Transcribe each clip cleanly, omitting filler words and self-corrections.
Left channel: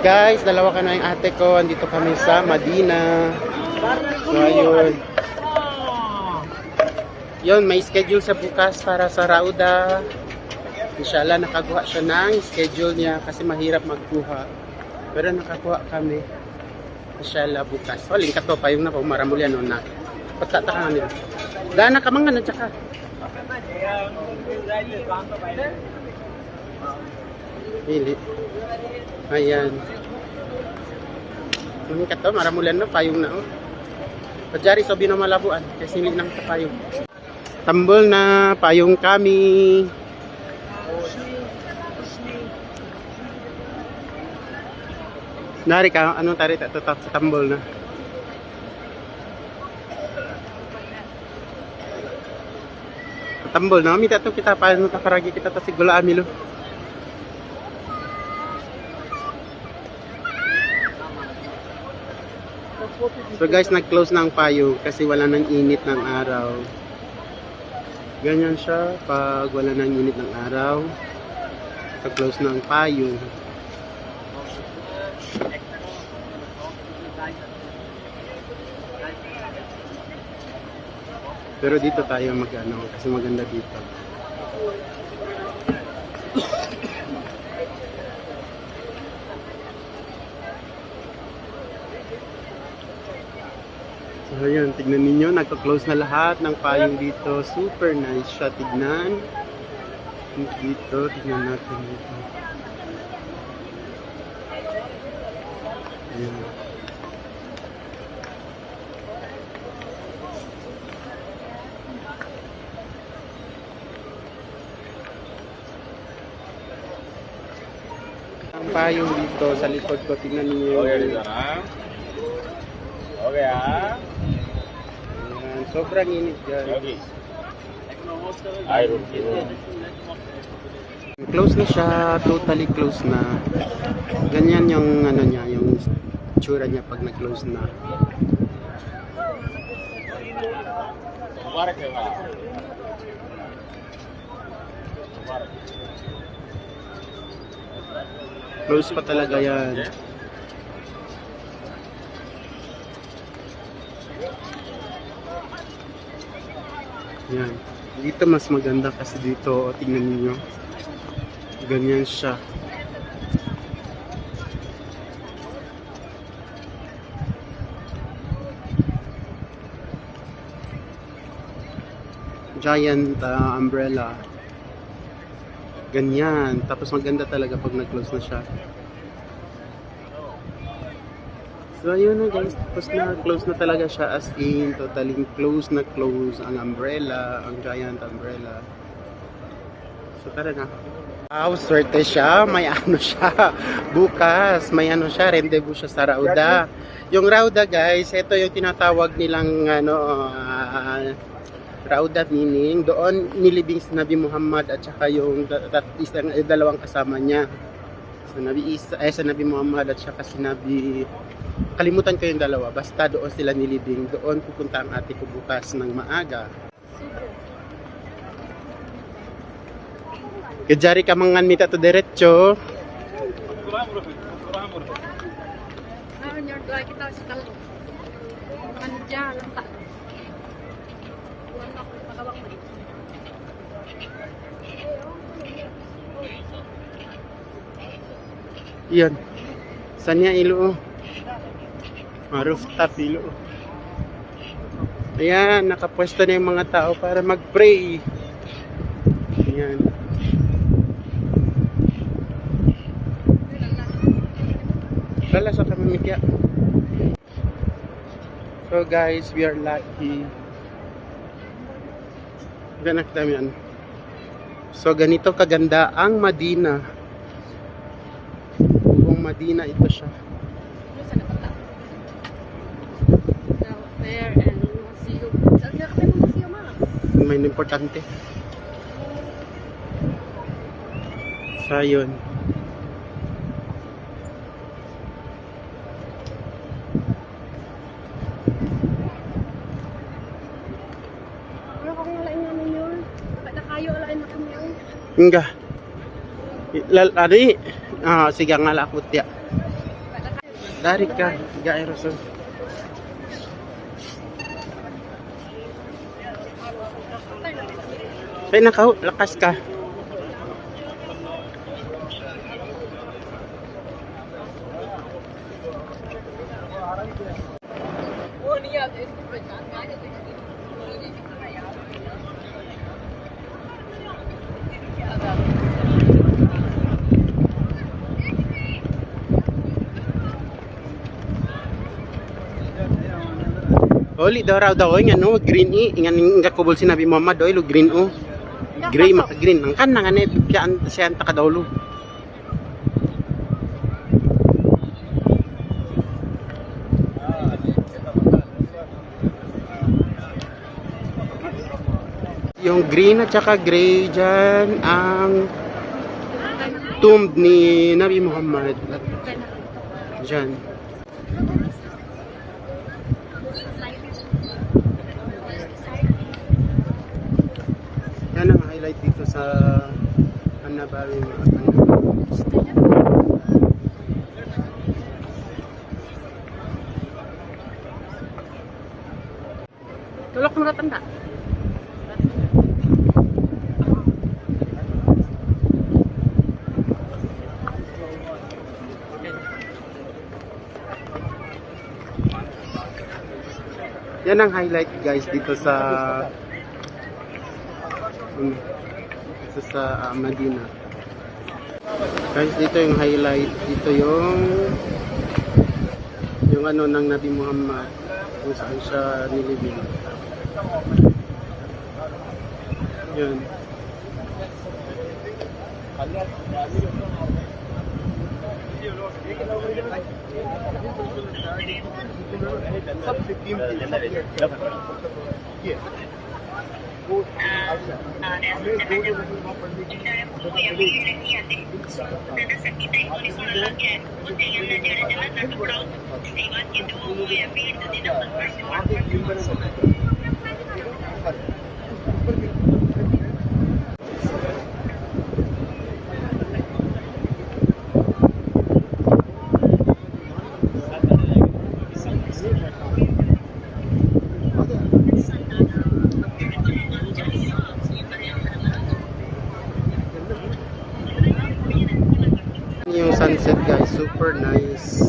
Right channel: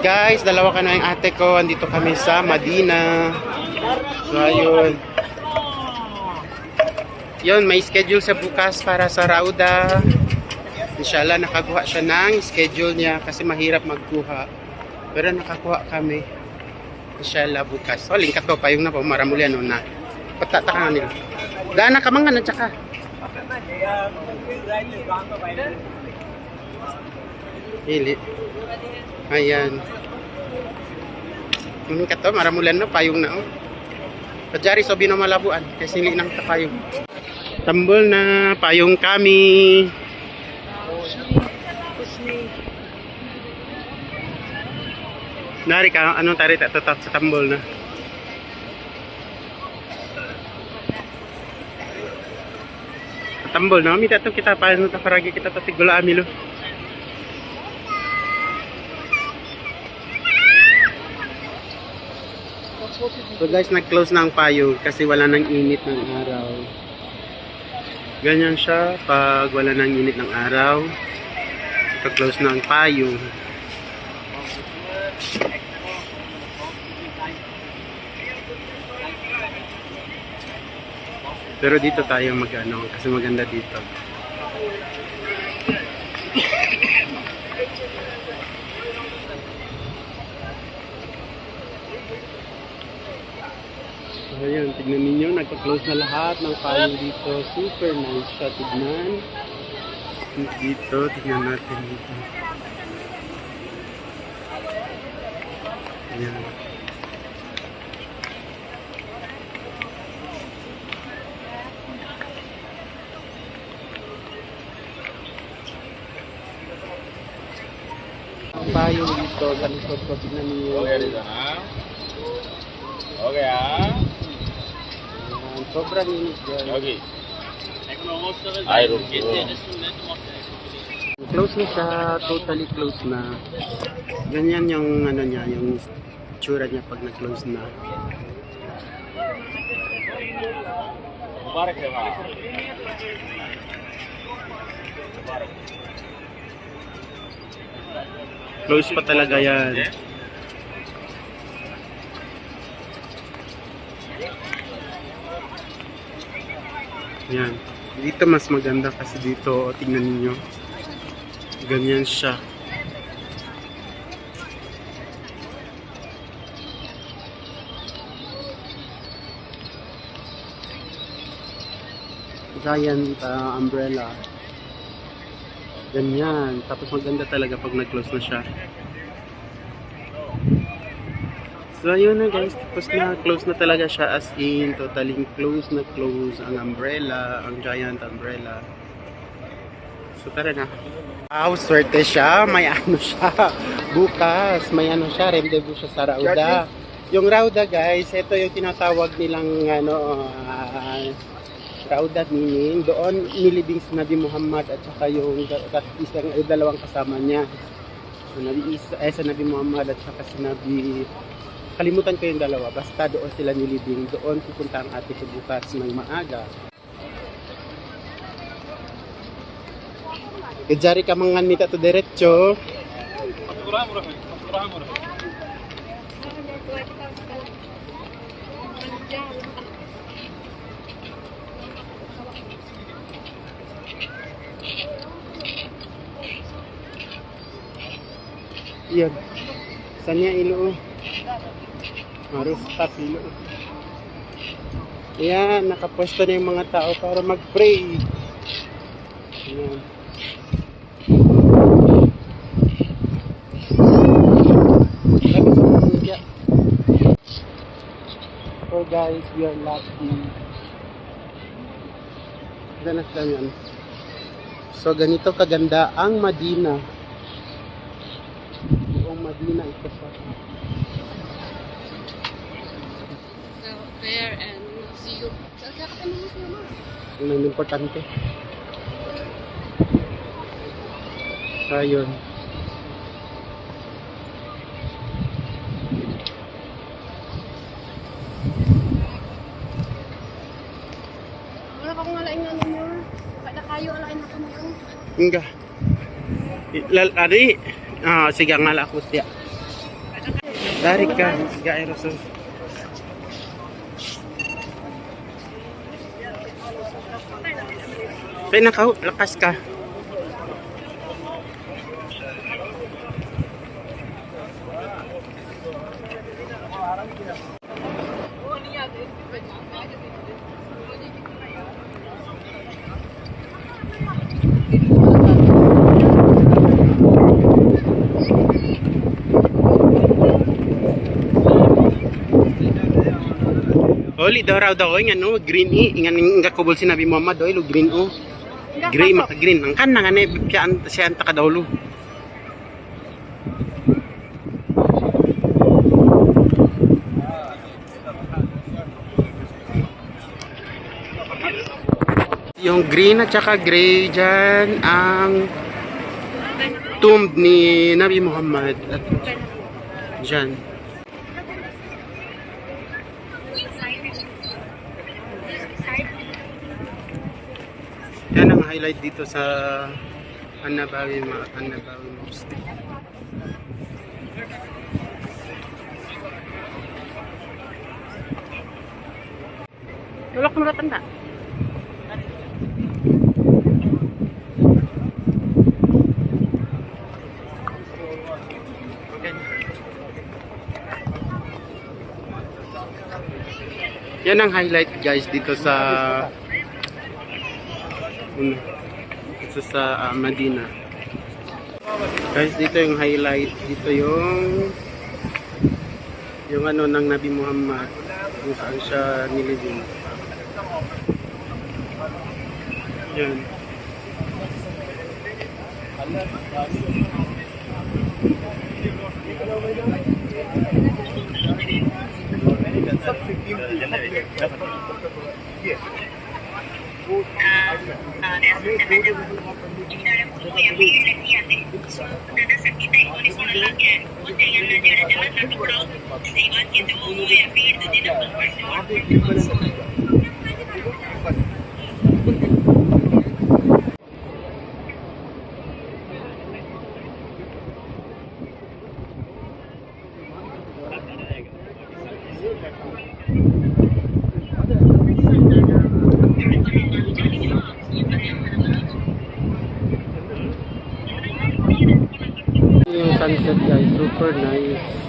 Guys, dalawa ka na yung ate ko. Andito kami sa Madina. So, ayun. Yun, may schedule sa bukas para sa Rauda. Inshallah, nakakuha siya ng schedule niya kasi mahirap magkuha. Pero nakakuha kami. Inshallah, bukas. So, lingkat to, payong na po, maramuli ano na. Pagtataka nila. Daan na kamangan na tsaka. Hili. Ayan. Lingkat to, maramulan na, payong na oh. Pajari, sobi na malabuan. Kasi hindi nang kapayong. Tambol na, payong kami. Nari ka, anong tari tatot sa tambol na? Tambol na, mita to kita paano takaragi kita ta sigula amilo. So guys, nag-close na ang payong kasi wala nang init ng araw. Ganyan siya pag wala nang init ng araw. Nag-close na ang payong. Pero dito tayo mag-ano kasi maganda dito. So ayan, tignan ninyo, nagka-close na lahat ng payong dito. Super nice siya, tignan. Dito, tignan natin dito. Ayan. Ang payong dito sa likod ko, tignan niyo. Okay ah. Ayan, sobrang init dyan. Okay. Close na siya, totally close na. Ganyan yung ano niya, yung tsura niya pag na-close na. Mubarak ya. Close pa talaga yan. Yan. Dito mas maganda kasi dito, tingnan niyo. Ganyan siya. Giant umbrella. Ganyan. Tapos maganda talaga pag nag-close na siya. So ayun na guys, tapos na close na talaga siya as in, totally close na close ang umbrella, ang giant umbrella. So tara na. Wow, swerte siya, may ano siya. Bukas, may ano siya, rendezvous siya sa Rauda. Yung Rauda guys, ito yung tinatawag nilang ano, Rauda meaning, doon nilibing si Nabi Muhammad at saka yung dalawang kasama niya. So Nabi Isa, sa Nabi Muhammad at saka si Nabi, kalimutan ko yung dalawa, basta doon sila nilibing, doon pupunta ang ate ko bukas ng maaga. Kajari ka mangan mita to diretso. Yan. Saan niya ilo? Rooftop ilo. Ayan, nakapwesto na yung mga tao para mag-pray. Ayan. Lala sa pamamigya. So guys, we are lucky. Ganak dami yan. So ganito kaganda ang Madina. Kung Madina ito siya. There and see you. May importante. So yun. Wala ka kung alain nga ninyo. Kada kayo alain na kami. Enggak. Lari. Ah, sige nga lakot ya. Dari ka, siga aerosol. Kaya nakaw, lakas ka. Oli daw raw daw nga no green ingan nga kubol sinabi Muhammad oy lo green gray maka green ang kan nga ne bipyaan siya anta kadawlo. Yung green at saka gray dyan ang tomb ni Nabi Muhammad at dyan. Yan ang highlight dito sa An-Nabawi Mosque. Tulok mo tanda. Yan ang highlight guys dito sa Medina. Guys, dito yung highlight, dito yung ano ng Nabi Muhammad kung saan siya nilibing. Yan. Yung sunset guys, super nice.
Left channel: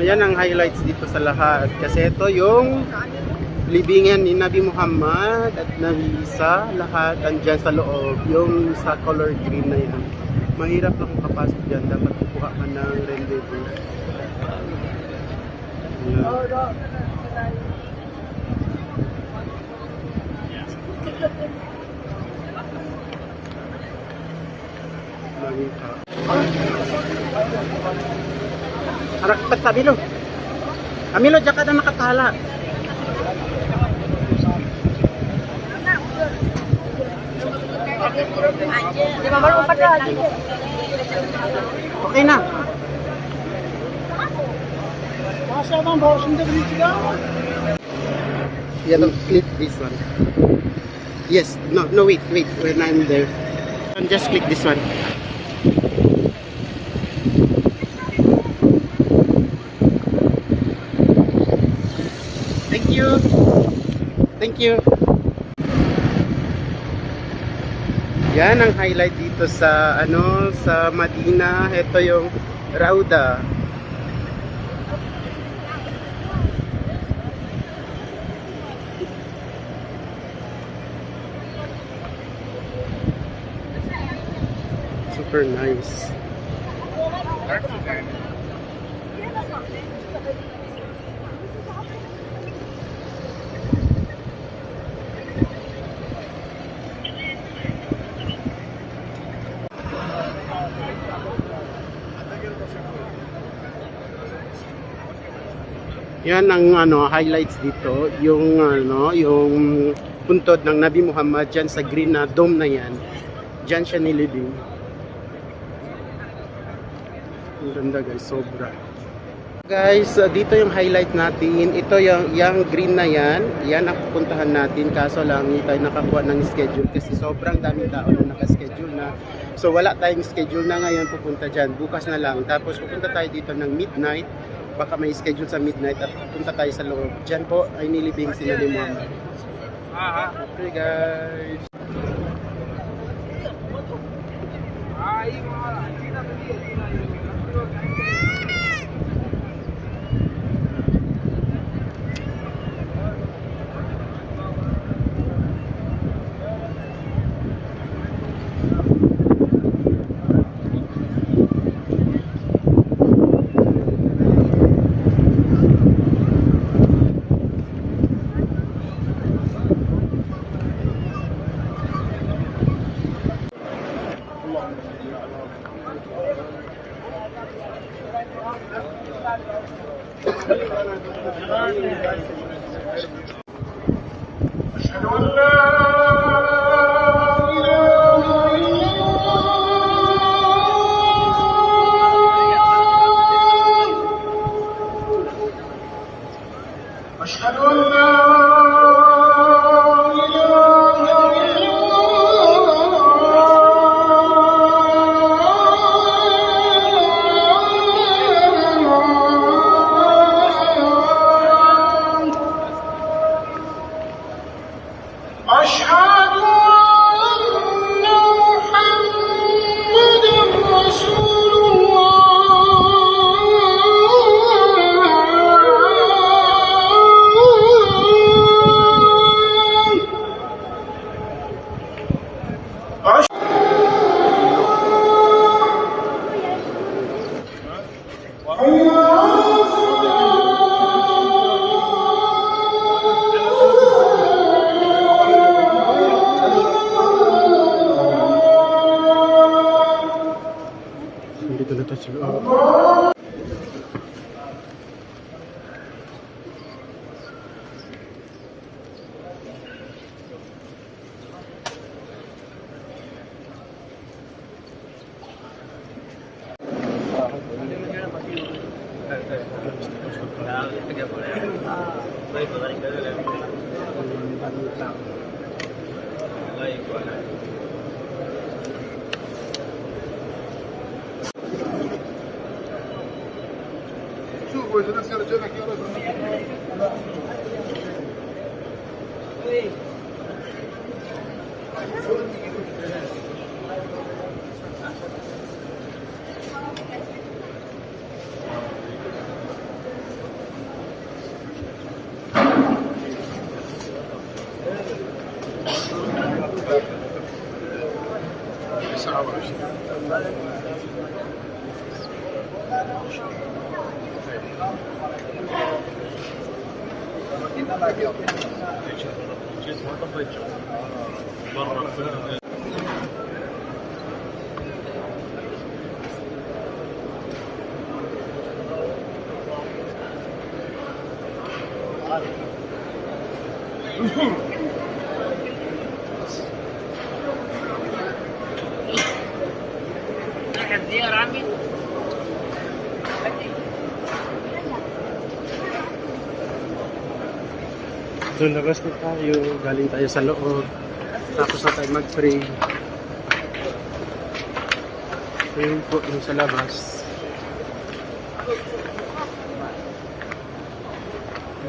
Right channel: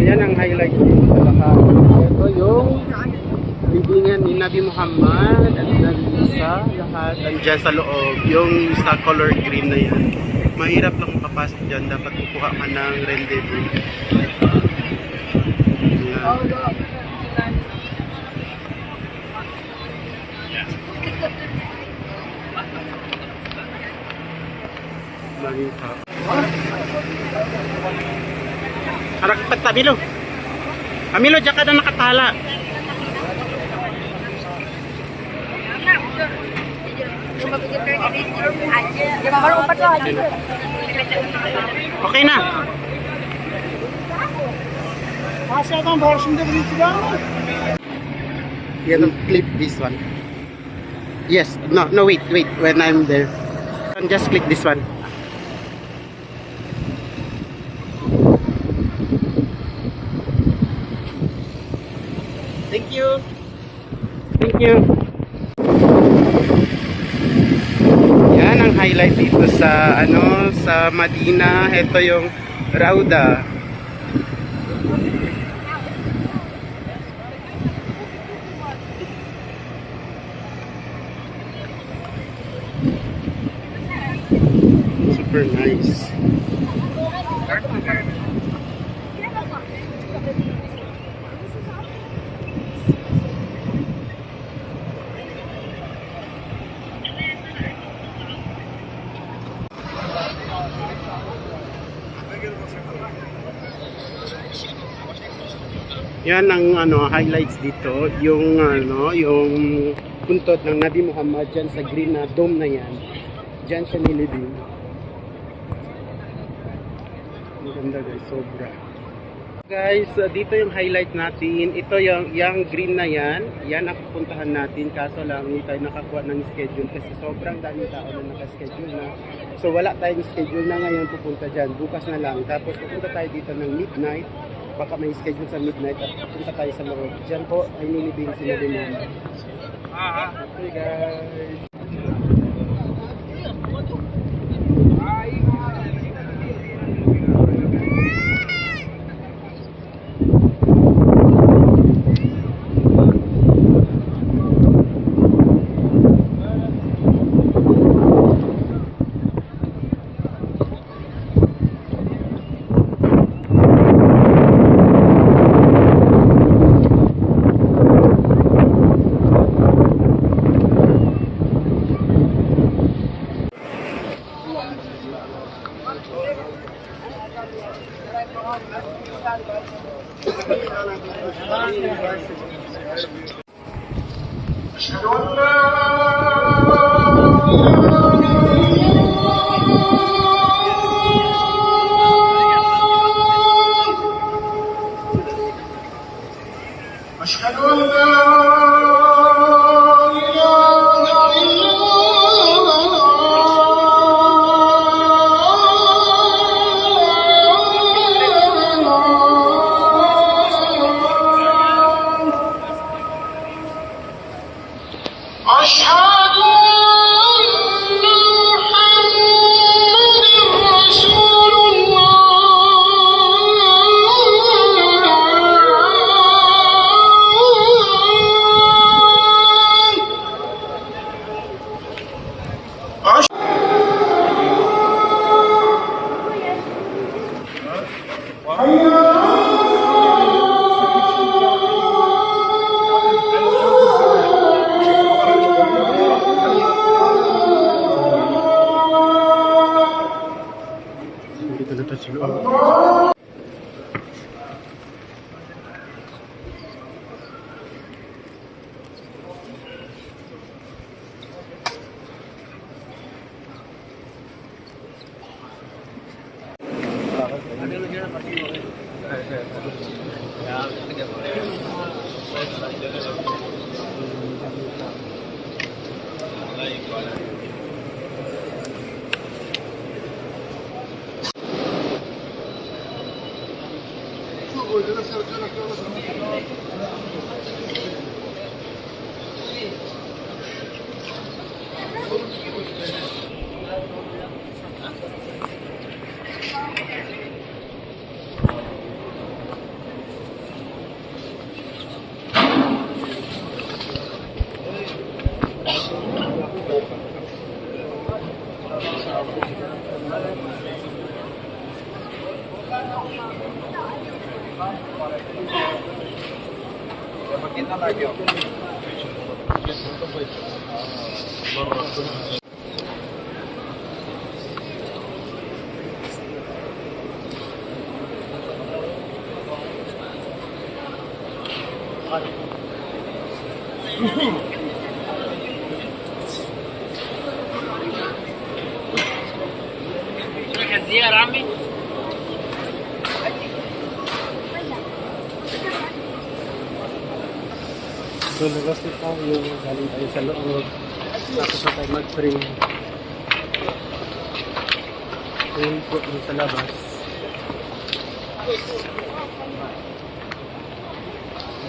Ayan ang highlights dito sa lahat. Kasi ito yung libingan ni Nabi Muhammad at Nabi Isa. Lahat andyan sa loob. Yung sa color green na yan. Mahirap lang makapasok dyan. Dapat kukuha ka ng rendezvous. Ayan. Daming tao. Harap pat Milo. Milo, diyan ka na nakatala. Okay na. Yeah, don't clip this one. Yes, no, wait. When I'm there, just click this one. Thank you. Yan ang highlight dito sa sa Medina. Ito yung Rauda. Super nice. Yan ang highlights dito, yung yung puntod ng Nabi Muhammad diyan sa green na dome na yan. Diyan siya nilibing. Ang ganda guys, sobra. Guys, dito yung highlight natin. Ito yung green na yan. Yan ang pupuntahan natin. Kaso lang, hindi tayo nakakuha ng schedule kasi sobrang daming tao na nakaschedule na. So wala tayong schedule na ngayon pupunta dyan. Bukas na lang. Tapos pupunta tayo dito ng midnight. Baka may schedule sa midnight at pupunta tayo sa loob. Dyan po ay nilibing si Nabi Muhammad. Okay guys. أشهد أن لا إله إلا الله أشهد أن لا إله إلا أشهد أن محمد رسول الله Dito na tayo sa loob. الزيارة عمي So labas na tayo, galing tayo sa loob. Tapos na tayo mag-pray. Ayun po, dun sa labas.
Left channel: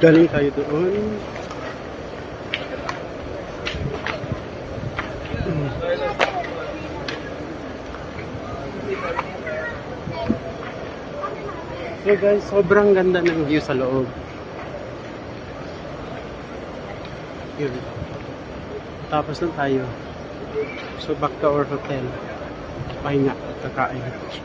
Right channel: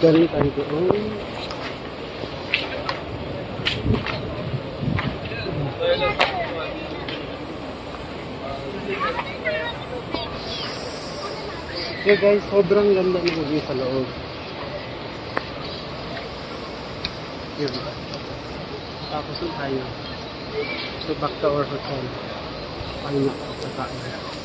Galing tayo doon. So guys, sobrang ganda ng view sa loob. Yun. Tapos na tayo. So back to our hotel. Pahinga, kakain.